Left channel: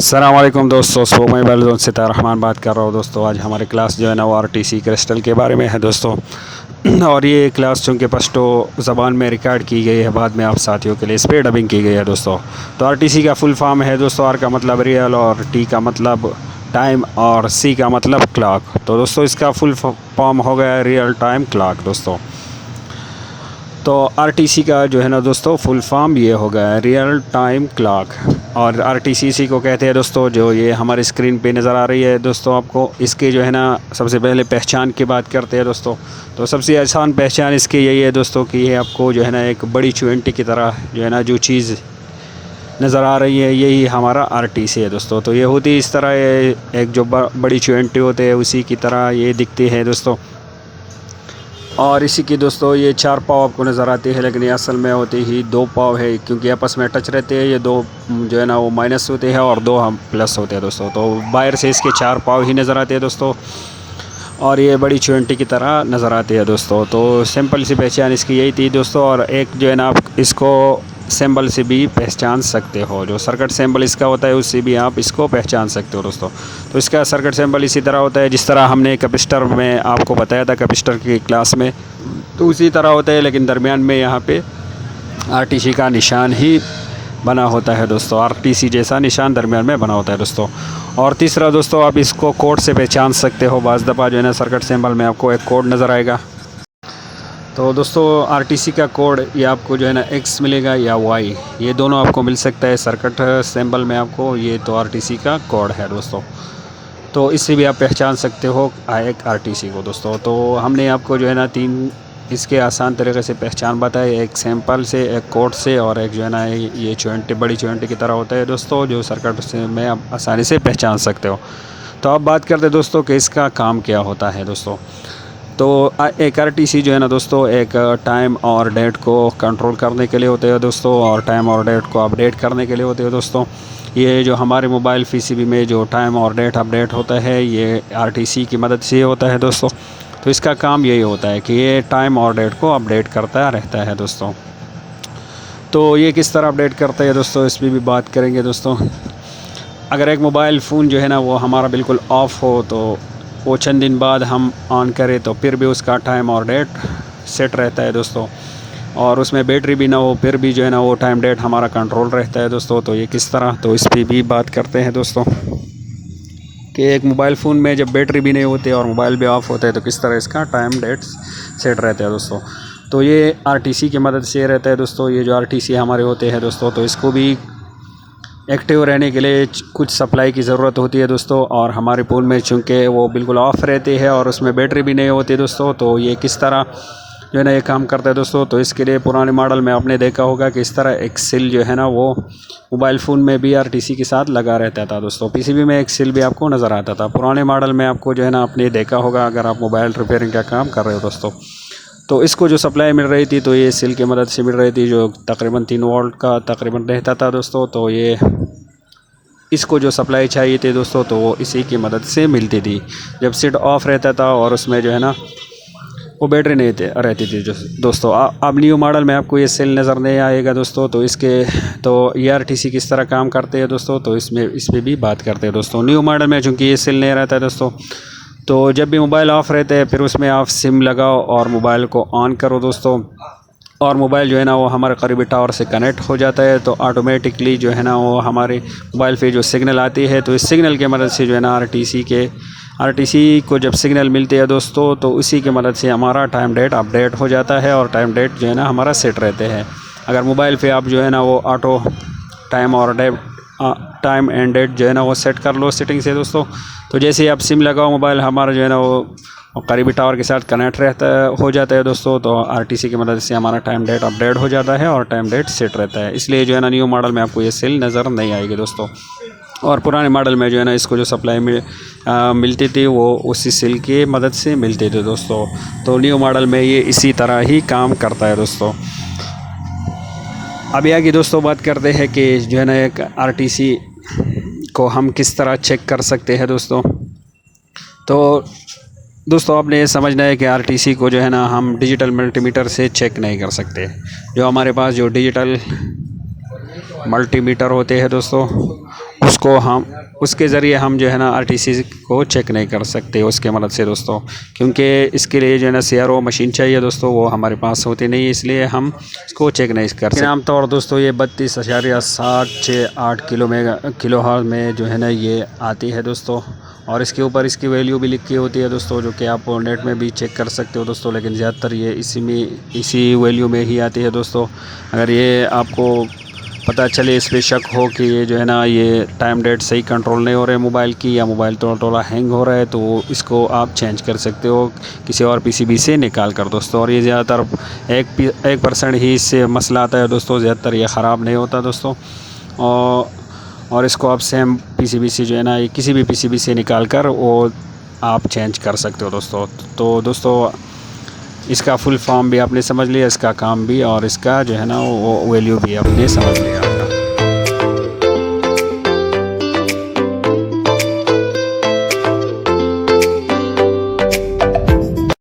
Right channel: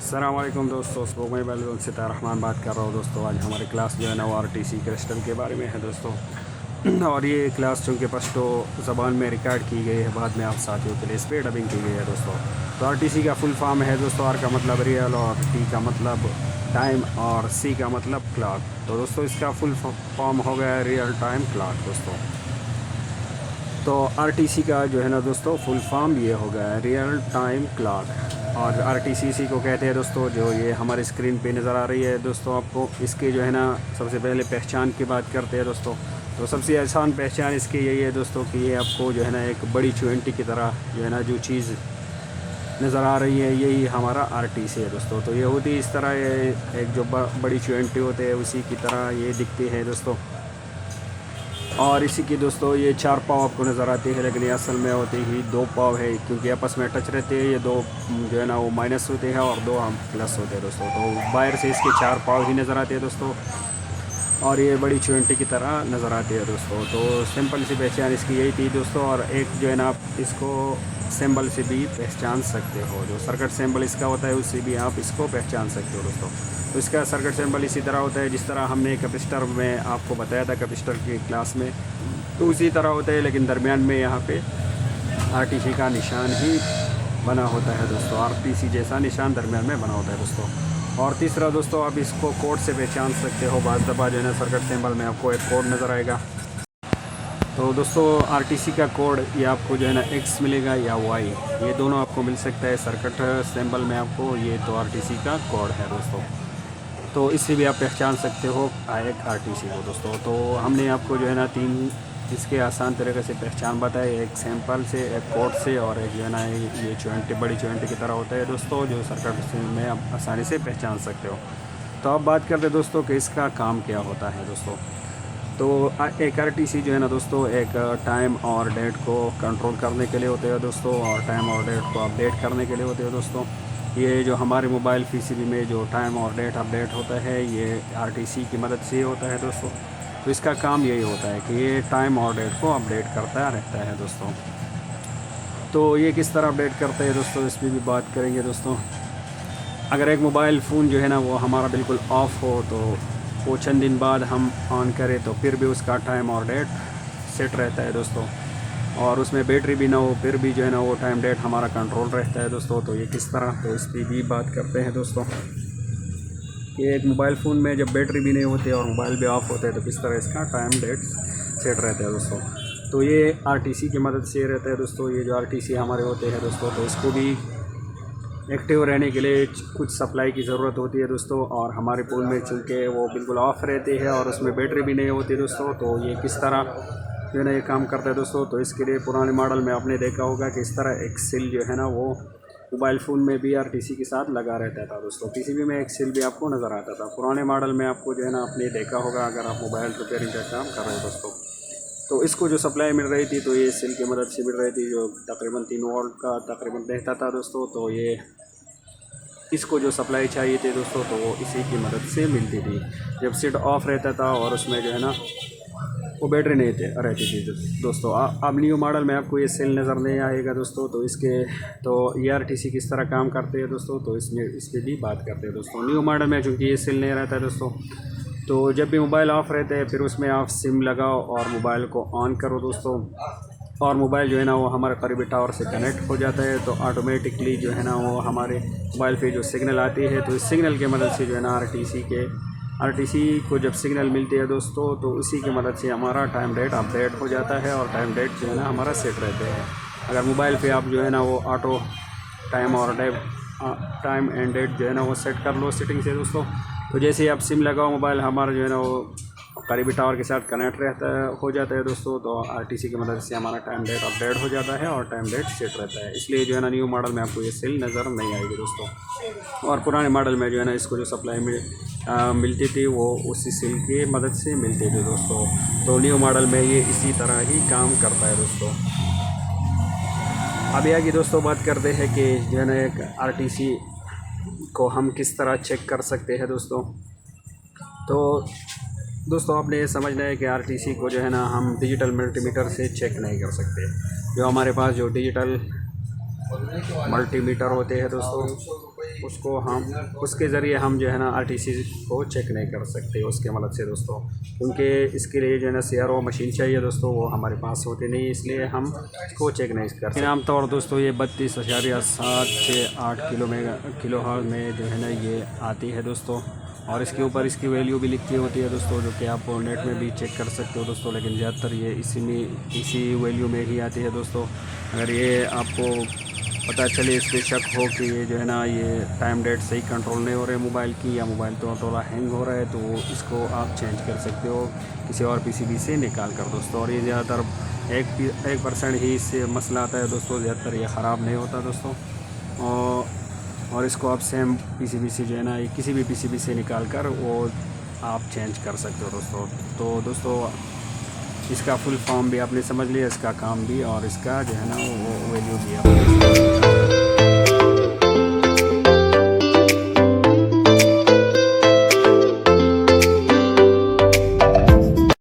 अस्सलाम वालेकुम दोस्तों, सो मैं बैलजोन सितार रहमान बात कर रहा हूँ। दोस्तों आज हमारी क्लास जो है ना वो आरटीसी क्रिस्टल के बारे में है दोस्तों। और ये क्लास चूँकि पश्तो ज़बान में रिकॉर्ड की गई है, बाद में आप साथियों के लिए इस पर डबिंग की गई है दोस्तों। तो आरटीसी का फुल फॉर्म है दोस्तों। आर का मतलब रियल और टी का मतलब टाइम और सी का मतलब क्लॉक। तो दोस्तों इसका फुल फॉर्म हो गया रियल टाइम क्लॉक दोस्तों। तो आरटीसी का जो है ना दोस्तों फुल फॉर्म ये हो गया रियल टाइम क्लॉक। और आरटीसी इसी को कहते हैं दोस्तों, जो ये हमारे स्क्रीन पे नज़र आ रही है दोस्तों आपको। इसके जो है ना सबसे पहले पहचान की बात करते हैं दोस्तों। तो सबसे आसान पहचान इसकी यही है दोस्तों कि ये आपको जो है ना एक बड़ी चुनटी की तरह जो है ना जो चीज़ नज़र आ रही है, यही हमारा आरटीसी है दोस्तों। तो ये होती इस तरह, ये एक जो बड़ी चुनटी होते हैं उसी की तरह ये दिखती है दोस्तों। और इसी की दोस्तों ये 4 पाव आपको नज़र आती है, लेकिन ये असल में होती ही 2 पाव है, क्योंकि आपस में टच रहते हैं। ये 2 जो है ना वो माइनस होते हैं और 2 हम प्लस होते हैं दोस्तों। तो बाहर से इसके 4 पाव ही नज़र आते हैं दोस्तों, और ये बड़ी चुनटी की तरह नज़र आती है दोस्तों। तो सिंपल सी पहचान इसकी यही थी दोस्तों। और एक जो है ना आप इसको सिंबल से भी पहचान सकते हो, जो सर्किट सिंबल इसका होता है उससे भी आप इसको पहचान सकते हो दोस्तों। तो इसका सर्किट सिंबल इसी तरह होता है जिस तरह हमने कैपेसिटर में आपको बताया था कैपेसिटर की क्लास में, तो उसी तरह होता है, लेकिन दरमियान में यहाँ पे आरटीसी का निशान ही बना होता है दोस्तों। आरटीसी जैसा निशान दरमियान में बना होता है दोस्तों। और तीसरा दोस्तों, आप इसको कोड से पहचान सकते हो। बाज़ दफ़ा जो है ना सर्किट सिंबल में आपको एक कोड नज़र आएगा। तो दोस्तों आरटीसी का कोड ये आपको जो है ना एक्स मिलेगा या वाई, ये दोनों आपको मिल सकता है सर्किट सिंबल में आपको। ये तो आरटीसी का कोड है दोस्तों। तो इससे भी आप पहचान सकते हो एक आरटीसी को दोस्तों। तो हमने आपको जो है ना 3 इसके आसान तरीके से पहचान बताई, एक सैंपल से, एक कोड से, और एक जो है ना ये चुनटी बड़ी चुनटी की तरह होता है दोस्तों, जो सर्किट से में आप आसानी से पहचान सकते हो। तो अब बात करते हैं दोस्तों कि इसका काम क्या होता है दोस्तों। तो एक आरटीसी जो है ना दोस्तों एक टाइम और डेट को कंट्रोल करने के लिए होते हैं दोस्तों, और टाइम और डेट को अपडेट करने के लिए होते हैं दोस्तों। ये जो हमारे मोबाइल पीसीबी में जो टाइम और डेट अपडेट होता है, ये आरटीसी की मदद से होता है दोस्तों। तो इसका काम यही होता है कि ये टाइम और डेट को अपडेट करता रहता है दोस्तों। तो ये किस तरह अपडेट करता है दोस्तों, इस पर भी बात करेंगे दोस्तों। अगर एक मोबाइल फ़ोन जो है ना वो हमारा बिल्कुल ऑफ़ हो, तो वो चंद दिन बाद हम ऑन करें तो फिर भी उसका टाइम और डेट सेट रहता है दोस्तों। और उसमें बैटरी भी ना हो, फिर भी जो है ना वो टाइम डेट हमारा कंट्रोल रहता है दोस्तों। तो ये किस तरह, तो इस पर भी बात करते हैं दोस्तों कि एक मोबाइल फ़ोन में जब बैटरी भी नहीं होती और मोबाइल भी ऑफ़ होता है तो किस तरह इसका टाइम डेट सेट रहता है दोस्तों। तो ये आरटीसी की मदद से रहता है दोस्तों। ये जो आरटीसी हमारे होते हैं दोस्तों, तो इसको भी एक्टिव रहने के लिए कुछ सप्लाई की ज़रूरत होती है दोस्तों। और हमारे फ़ोन में चूँकि वो बिल्कुल ऑफ़ रहते हैं और उसमें बैटरी भी नहीं होती दोस्तों, तो ये किस तरह जो है ना ये काम करता है दोस्तों। तो इसके लिए पुराने मॉडल में आपने देखा होगा कि इस तरह एक सिल जो है ना वो मोबाइल फ़ोन में भी आरटीसी के साथ लगा रहता था दोस्तों। पीसीबी में एक सिल भी आपको नज़र आता था पुराने मॉडल में, आपको जो है ना आपने देखा होगा अगर आप मोबाइल रिपेयरिंग का काम कर रहे हो दोस्तों। तो इसको जो सप्लाई मिल रही थी तो ये सिल की मदद से मिल रही थी, जो तकरीबन 3 वोल्ट का तकरीबन रहता था दोस्तों। तो ये इसको जो सप्लाई चाहिए थी दोस्तों, तो वो इसी की मदद से मिलती थी जब सेट ऑफ रहता था और उसमें जो है ना वो बैटरी नहीं रहती थी दोस्तों। अब न्यू मॉडल में आपको ये सेल नज़र नहीं आएगा दोस्तों। तो इसके तो ये आरटीसी किस तरह काम करते हैं दोस्तों, तो इस पर भी बात करते हैं दोस्तों। न्यू मॉडल में चूँकि ये सेल नहीं रहता है दोस्तों, तो जब भी मोबाइल ऑफ़ रहते हैं फिर उसमें आप सिम लगाओ और मोबाइल को ऑन करो दोस्तों, और मोबाइल जो है ना वो हमारे करीबी टावर से कनेक्ट हो जाता है। तो ऑटोमेटिकली जो है ना वो हमारे मोबाइल पे जो सिग्नल आती है, तो इस सिग्नल की मदद से जो है ना आरटीसी को जब सिग्नल मिलती है दोस्तों, तो उसी की मदद से हमारा टाइम डेट अपडेट हो जाता है और टाइम डेट जो है ना हमारा सेट रहते हैं। अगर मोबाइल पे आप जो है ना वो ऑटो टाइम और टाइम एंड डेट जो है ना वो सेट कर लो सेटिंग से दोस्तों, तो जैसे ही आप सिम लगाओ मोबाइल हमारा जो है ना वो करीबी टावर के साथ कनेक्ट हो जाता है दोस्तों। तो आरटीसी की मदद से हमारा टाइम डेट अपडेट हो जाता है और टाइम डेट सेट रहता है। इसलिए जो है ना न्यू मॉडल में आपको ये सेल नज़र नहीं आएगी दोस्तों। और पुराने मॉडल में जो है ना इसको जो सप्लाई मिलती थी वो उसी सेल की मदद से मिलती थी दोस्तों। तो न्यू मॉडल में ये इसी तरह ही काम करता है दोस्तों। अभी आगे दोस्तों बात करते हैं कि जो है ना एक आरटीसी को हम किस तरह चेक कर सकते हैं दोस्तों। तो दोस्तों आपने ये समझना है कि आरटीसी को जो है ना हम डिजिटल मल्टीमीटर से चेक नहीं कर सकते। जो हमारे पास जो डिजिटल मल्टीमीटर होते हैं दोस्तों, उसको हम उसके ज़रिए हम जो है ना आरटीसी को चेक नहीं कर सकते उसके मदद से दोस्तों, क्योंकि इसके लिए जो है ना CRO मशीन चाहिए दोस्तों, वो हमारे पास होती नहीं, इसलिए हम इसको चेक नहीं कर सकते। आमतौर दोस्तों ये 32.768 किलो हर्ट्ज़ में जो है ना ये आती है दोस्तों, और इसके ऊपर इसकी वैल्यू भी लिखी होती है दोस्तों, जो कि आप नेट में भी चेक कर सकते हो दोस्तों, लेकिन ज़्यादातर ये इसी वैल्यू में ही आती है दोस्तों। अगर ये आपको पता चले, इस पर शक हो कि ये जो है ना ये टाइम डेट सही कंट्रोल नहीं हो रहे मोबाइल की, या मोबाइल थोड़ा हैंग हो रहा है, तो इसको आप चेंज कर सकते हो किसी और PCB से निकाल कर दोस्तों। और ये ज़्यादातर 1% ही इससे मसला आता है दोस्तों, ज़्यादातर ये ख़राब नहीं होता दोस्तों। और इसको आप सेम PCB से जो है ना किसी भी PCB से निकाल कर वो आप चेंज कर सकते हो दोस्तों। तो दोस्तों इसका फुल फॉर्म भी आपने समझ लिया, इसका काम भी, और इसका जो है ना वो वैल्यू भी आपने समझ लिया।